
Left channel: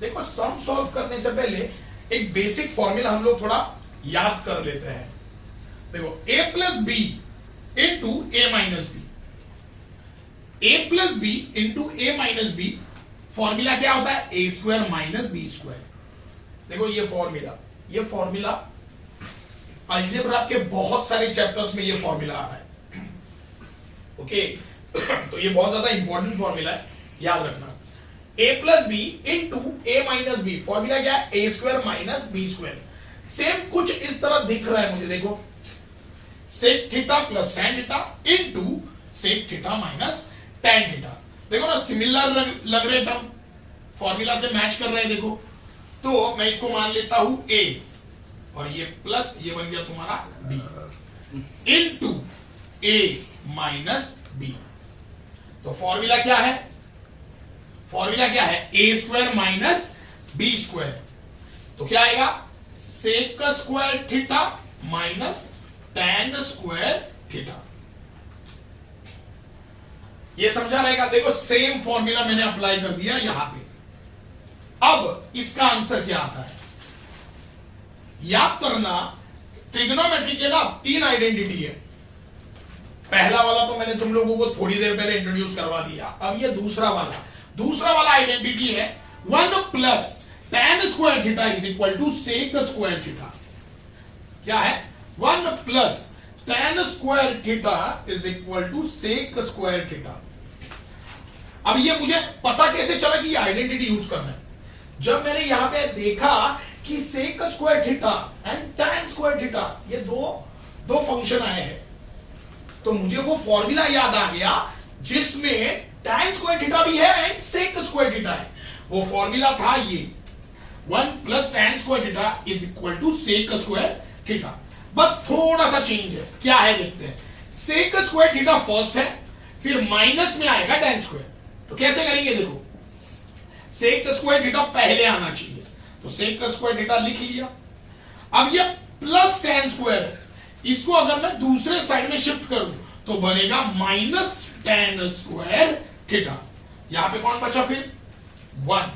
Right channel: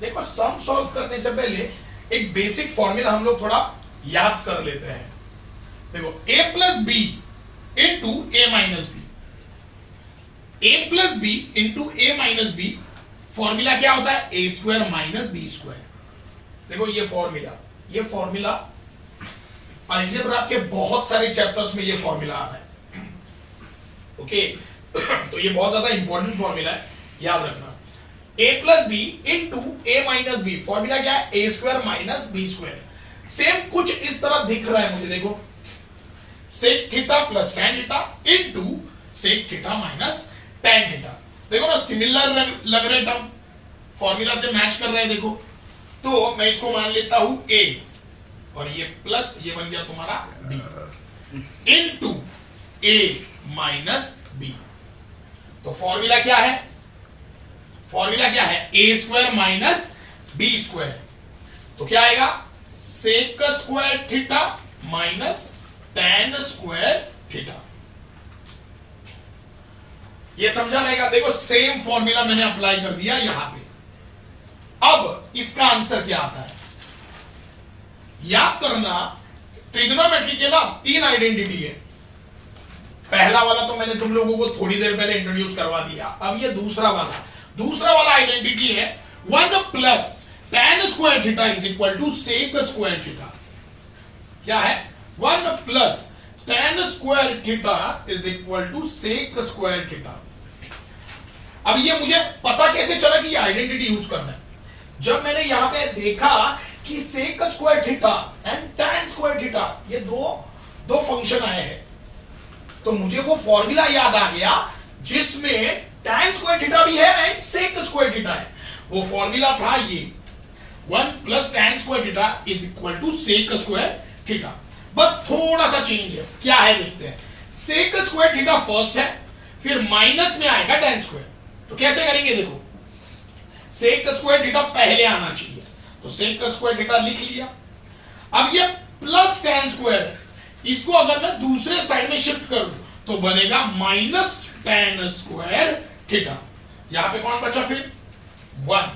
देखो सम सॉल्व करने से पहले एक बेसिक फॉर्मूला हम लोग थोड़ा याद कर लेते हैं। देखो a plus B into A minus b, a plus B into A minus B formula क्या होता है? ए स्क्वायर माइनस बी स्क्वायर। देखो ये फॉर्मूला अलजेब्रा के बहुत सारे चैप्टर्स में ये फॉर्मूला आ रहा है। ओके, तो ये बहुत ज्यादा इंपॉर्टेंट फॉर्मूला है, याद रखना। a plus B into A minus B, formula क्या है? ए square minus B square. Same कुछ इस तरह दिख रहा है मुझे। देखो sec theta plus tan theta into sec theta minus tan theta. देखो ना सिमिलर लग रहे टर्म, फॉर्मूला से मैच कर रहे हैं। देखो तो मैं इसको मान लेता हूं a और ये प्लस ये बन गया तुम्हारा b into a minus b। तो फॉर्मूला क्या है? फॉर्मूला क्या है? ए स्क्वायर माइनस बी स्क्वायर। तो क्या आएगा? Sec square theta minus tan square theta. ये समझा रहेगा। देखो सेम फॉर्मूला मैंने अप्लाई कर दिया यहां पे। अब इसका आंसर क्या आता है? याद करना ट्रिग्नोमेट्री के ना 3 आइडेंटिटी है। पहला वाला तो मैंने तुम लोगों को थोड़ी देर पहले इंट्रोड्यूस करवा दिया। अब ये दूसरा वाला आइडेंटिटी है 1 plus tan square theta is equal to sec square theta. क्या है? 1 plus tan square theta is equal to sec square theta. अब ये मुझे पता कैसे चला कि ये आइडेंटिटी यूज करना है? जब मैंने यहां पे देखा कि sec square theta and tan square theta ये दो फंक्शन आए हैं, तो मुझे वो फॉर्मूला याद आ गया जिसमें tan स्क्वायर थीटा भी है एंड सेक स्क्वायर थीटा है। वो फॉर्मूला था ये 1 plus tan square theta is equal to sec square theta. बस थोड़ा सा चेंज है, क्या है देखते हैं। सेक स्क्वायर थीटा फर्स्ट है, फिर माइनस में आएगा tan स्क्वायर। तो कैसे करेंगे? देखो सेक स्क्वायर थीटा पहले आना चाहिए, तो सेक स्क्वायर थीटा लिख लिया। अब ये प्लस tan स्क्वायर है, इसको अगर मैं दूसरे साइड में शिफ्ट करूं तो बनेगा माइनस tan स्क्वायर थीटा। यहां पे कौन बचा फिर? 1।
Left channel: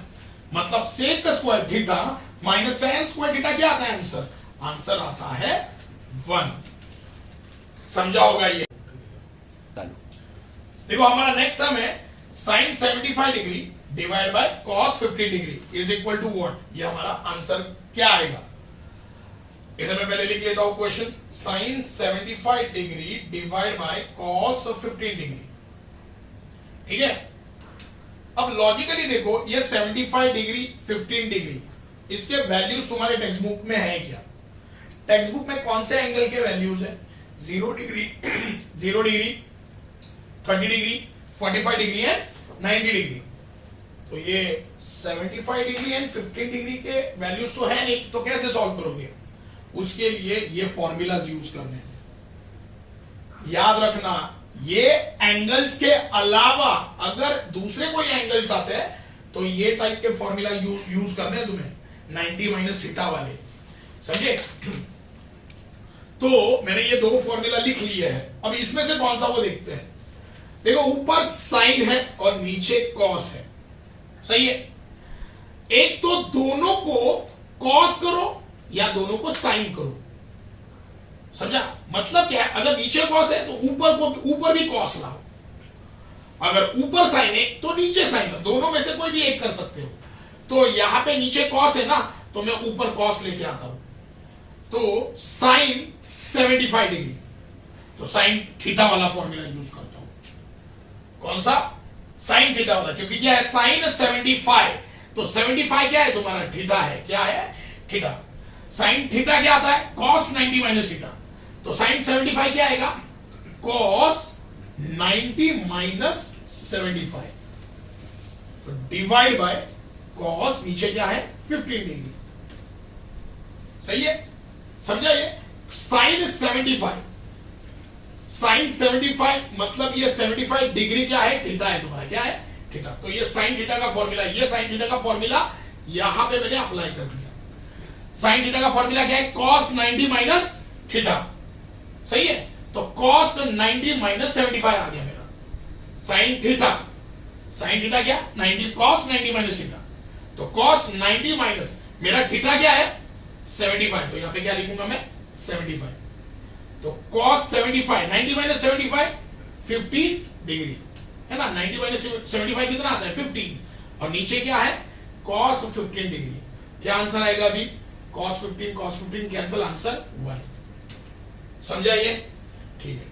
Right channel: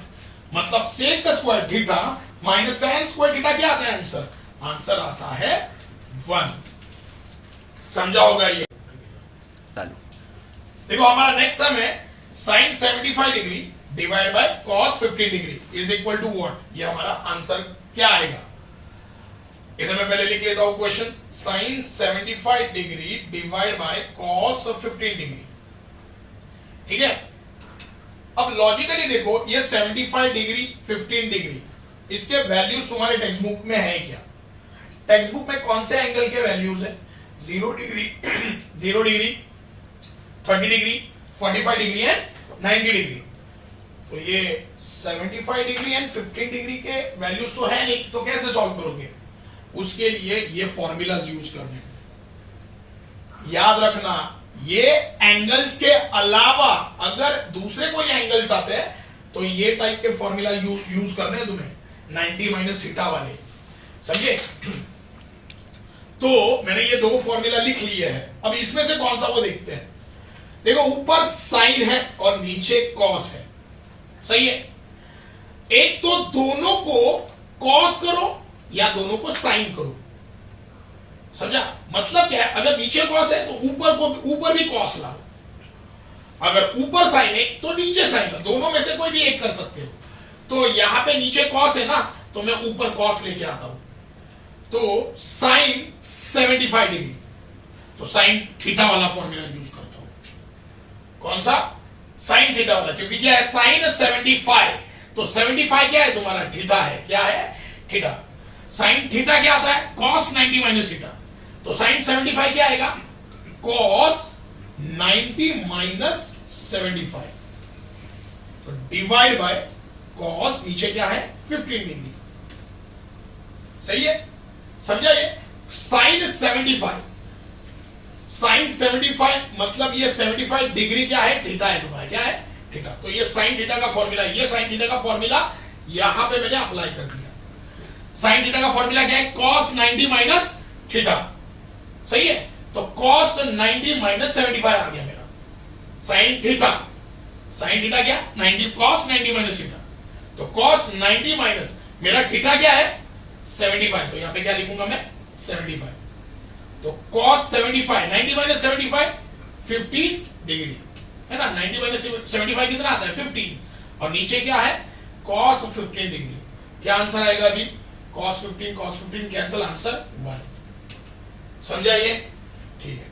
मतलब sec square theta minus tan square theta क्या आता है आंसर? आंसर आता है 1। समझा होगा ये? देखो हमारा नेक्स्ट सम है sin 75 degree divide by cos 50 degree is equal to what? ये हमारा आंसर क्या आएगा? इसे मैं पहले लिख लेता हूं question. sin 75 degree divide by cos 15 degree. ठीक है, अब लॉजिकली देखो ये 75 डिग्री 15 डिग्री इसके वैल्यूज तुम्हारे टेक्स्ट बुक में है क्या? टेक्स्ट बुक में कौन से एंगल के वैल्यूज है? 0 degree 0 degree 30 degree 45 degree and 90 degree. तो ये 75 डिग्री एंड 15 डिग्री के वैल्यूज तो है नहीं, तो कैसे सॉल्व करोगे? उसके लिए ये फॉर्मूलाज यूज करने। याद रखना, ये एंगल्स के अलावा अगर दूसरे कोई एंगल्स आते हैं तो ये टाइप के फॉर्मूला यूज करने हैं तुम्हें, 90 माइनस थीटा वाले, समझे? तो मैंने ये दो फॉर्मूला लिख लिए हैं। अब इसमें से कौन सा वो देखते हैं। देखो, ऊपर साइन है और नीचे कॉस है, सही है? एक तो दोनों को कॉस करो या दोनों को साइन करो, समझा? मतलब क्या है, अगर नीचे कॉस है तो ऊपर भी कॉस लाओ, अगर ऊपर साइन है तो नीचे साइन है, दोनों में से कोई भी एक कर सकते हो। तो यहां पे नीचे कॉस है ना, तो मैं ऊपर कॉस लेके आता हूं, तो साइन 75 डिग्री, तो साइन थीटा वाला फॉर्मूला यूज करता हूं। कौन सा? साइन थीटा वाला, क्योंकि क्या है, साइन 75, तो 75 क्या है तुम्हारा? थीटा है। क्या है? थीटा। साइन थीटा क्या आता है? कॉस 90 माइनस थीटा, तो साइन 75 क्या आएगा? कॉस 90 माइनस 75, तो डिवाइड बाय कॉस, नीचे क्या है? 15 डिग्री, सही है? समझा? ये साइन 75, साइन 75 मतलब ये 75 डिग्री क्या है? थीटा है तुम्हारा। क्या है? थीटा। तो ये साइन थीटा का फॉर्मूला, ये साइन थीटा का फॉर्मूला यहां पे मैंने अप्लाई कर दिया। साइन थीटा का फॉर्मूला क्या है? कॉस 90 माइनस थीटा, सही है? तो कॉस 90 माइनस 75 आ गया मेरा साइन थीटा। साइन थीटा क्या? 90, कॉस 90 माइनस थीटा, तो कॉस 90 माइनस मेरा थीटा क्या है? 75, तो यहां पे क्या लिखूंगा मैं? 75। तो कॉस 75, 90 माइनस 75 15 डिग्री है ना। 90 माइनस 75 कितना आता है? 15, और नीचे क्या है? Cos 15 degree. क्या आंसर आएगा अभी? Cos 15 cancel, answer 1। समझा ये? ठीक है।